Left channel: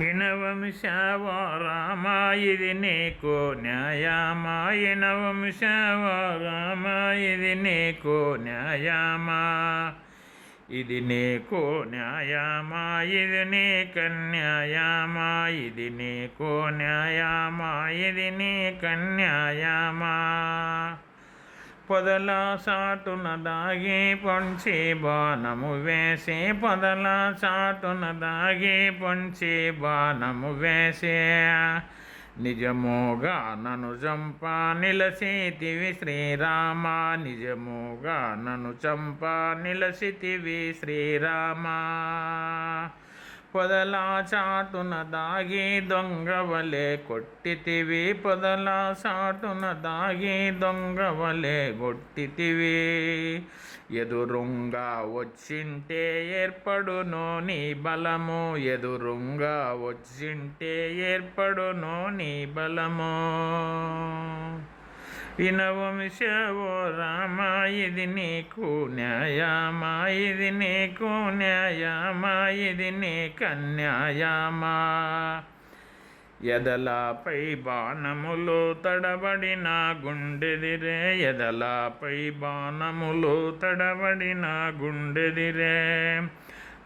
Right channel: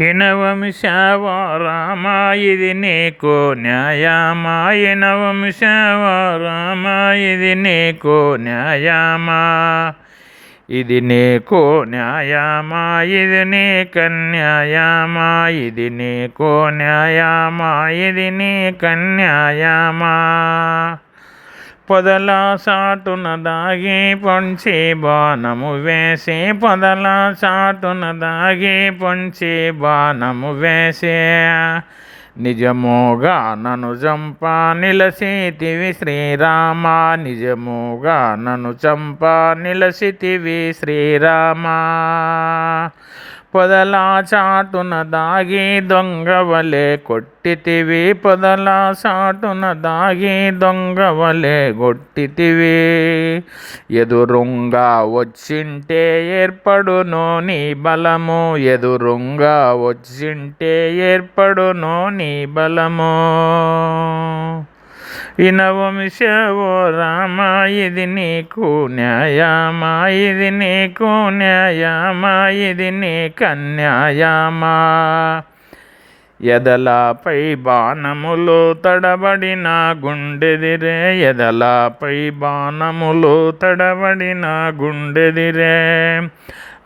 ఇనవంశవ రామ ఇది నీకు న్యాయమా, ఇనవంశవ రామ ఇది నీకు న్యాయమా, ఇది నీకు న్యాయమా, ఇది నీకన్యాయమా, ఇది నీకు న్యాయమా, ఇది నీకన్యాయమా. పొదల సాటున దాగి పొంచి బాణము వేసి, పొదల సాటున దాగి పొంచి బాణము వేసే, నిజముగా నన్ను చంప నిలసితివి శ్రీరామ, నిజముగా నన్ను చంప నిలసితివి శ్రీరామ. పొదల చాటున దాగి దొంగవలే కొట్టితివి, పొదల చాటున దాగి దొంగవలే కొట్టితివి, ఎదురుంగా వచ్చింటే ఏర్పడును నీ బలము, ఎదురుంగా వచ్చింటే ఏర్పడును నీ బలము. ఇనవంశవ రామ ఇది నీకు న్యాయమా, ఇది నీకు న్యాయమా, ఇది నీకన్యాయమా. ఎదలపై బాణములు తడబడిన గుండెదిరే, ఎదలపై బాణములు తడబడిన గుండెదిరే,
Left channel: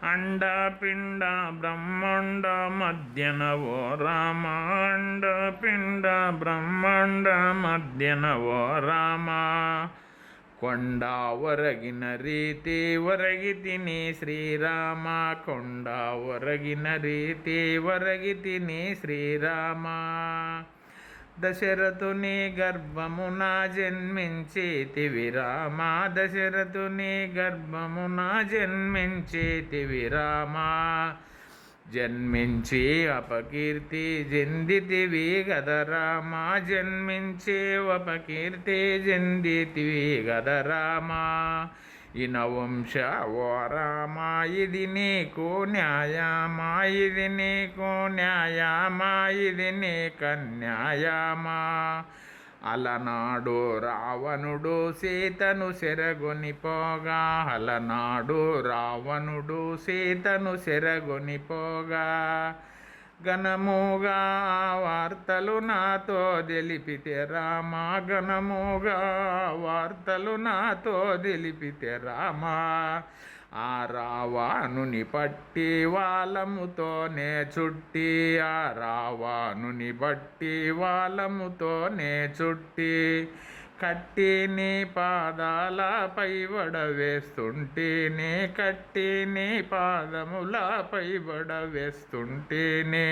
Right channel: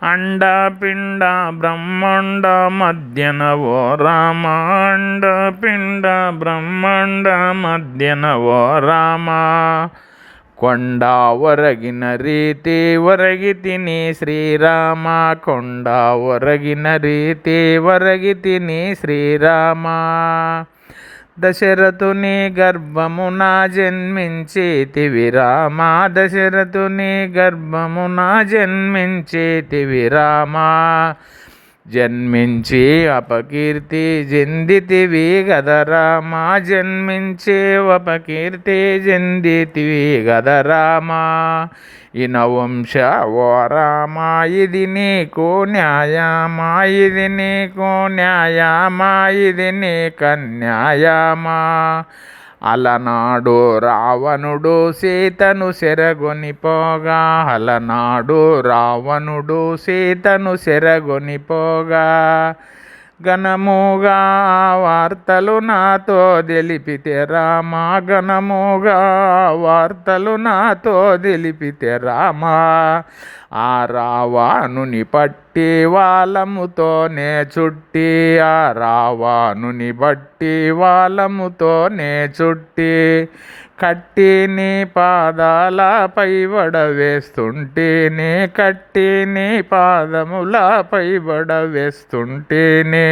అండ పిండ బ్రహ్మాండ మధ్యన ఓ రామ, అండ పిండ బ్రహ్మాండ మధ్యన ఓ రామ. కొండ ఒరగిన రీతి ఒరగితిని శ్రీరామ, కొండ ఒరగిన రీతి ఒరగితిని శ్రీరామ. దశరథుని గర్భమున జన్మించితివి రామ, దశరథుని గర్భమున జన్మించితివి రామ, జన్మించి అపకీర్తి చెందితివి గద రామ, జన్మించి అపకీర్తి చెందితివి గద రామ. ఇనవంశవ రామ ఇది నీకు న్యాయమా, ఇది నీకు న్యాయమా, ఇది నీకన్యాయమా. అలనాడు రావణుడు సీతను చెరగొనిపోగా, అలనాడు రావణుడు సీతను చెరగొనిపోగా, ఘనముగా వార్తలు నాతో తెలిపితే రామ, ఘనముగా వార్తలు నాతో తెలిపితే రామ. ఆ రావణుని పట్టి వాలముతోనే చుట్టి, ఆ రావణుని బట్టి వాలముతోనే చుట్టి, కట్టి నీ పాదాలపై వడవేస్తుంటేనే, కట్టి నీ పాదములపై వడవేస్తుంటేనే.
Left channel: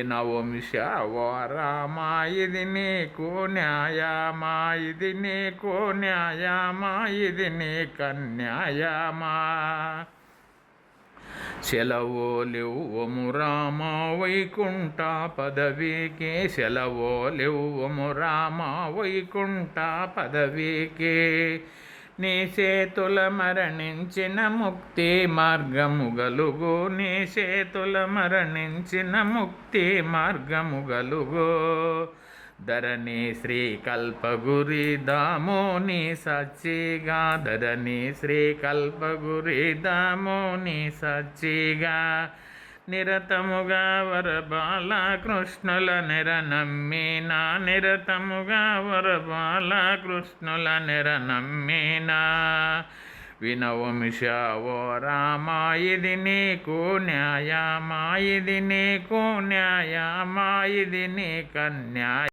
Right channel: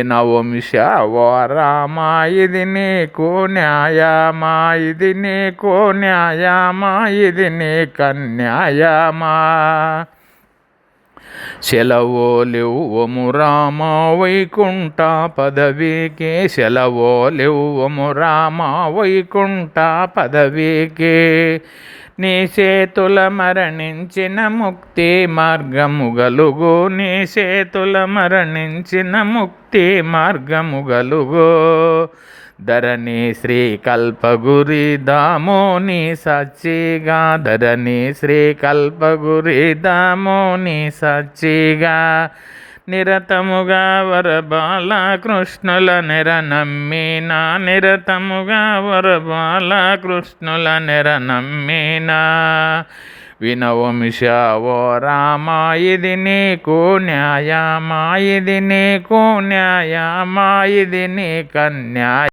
ఇనవంశవ రామ ఇది నీకు న్యాయమా, ఇది నీకు న్యాయమా, ఇది నీకన్యాయమా. సెలవోలివ్వము రామ వైకుంఠ పదవికి, సెలవోలివ్వము రామ వైకుంఠ పదవికి, నీ చేతుల మరణించిన ముక్తి మార్గము గలుగు, నీ చేతుల మరణించిన ముక్తి మార్గము గలుగు. ధరణి శ్రీ కల్పగురి దామోని సచ్చిగా, ధరణి శ్రీ కల్పగురి దామోని సచ్చిగా, నిరతముగా వరబాల కృష్ణుల నెర నమ్మినా, నిరతముగా వరబాల కృష్ణుల నెర నమ్మినా. వినవంశవ రామ ఇది నీకు న్యాయమా, ఇది నీకు న్యాయమా, ఇది నీకన్యాయ.